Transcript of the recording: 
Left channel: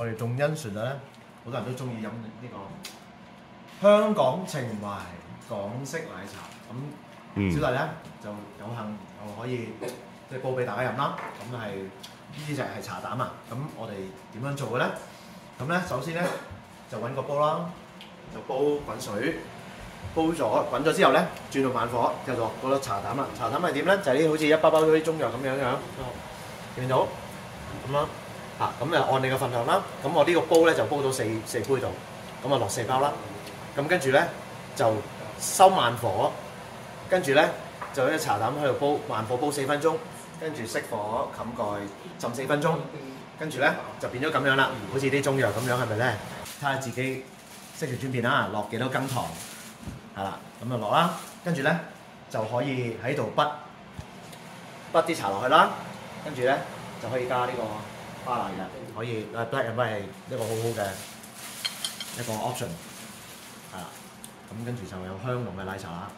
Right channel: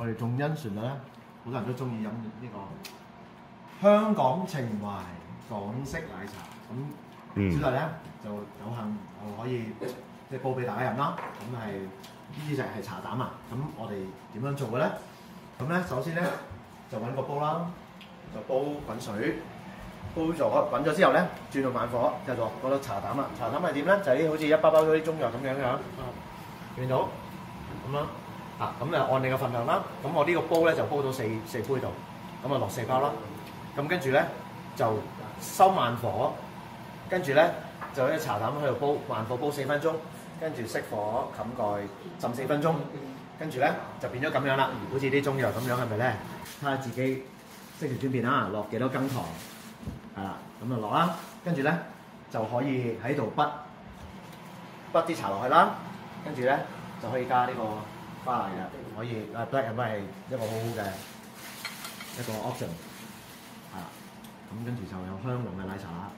我哋仲欣賞咧，好多人都中意飲呢個香港情懷港式奶茶。咁小弟咧就有幸又可以即係煲俾大家飲啦。咁係呢隻係茶膽啊。咁我哋點樣做嘅咧？咁咧首先咧就揾個煲啦，就煲滾水，煲咗滾咗之後咧轉到慢火，就落嗰粒茶膽啦。茶膽係點咧？就係啲好似一包包嗰啲中藥咁樣樣，見到咁樣。咁就按你嘅份量啦。咁我呢個煲咧就煲到四杯度，咁啊落4包啦。咁跟住咧就收慢火，跟住咧就喺茶膽喺度煲，慢火煲4分鐘，跟住熄火冚蓋浸4分鐘，跟住咧就變咗咁樣啦，好似啲中藥咁樣，係咪咧？睇下自己識條轉變啦，落幾多羹糖，係啦，咁就落啦。跟住咧就可以喺度筆啲茶落去啦，跟住咧就可以加呢個巴拿嘅，可以black and white 係一個好好嘅一個 option，係啦。咁跟住就有香濃嘅奶茶啦。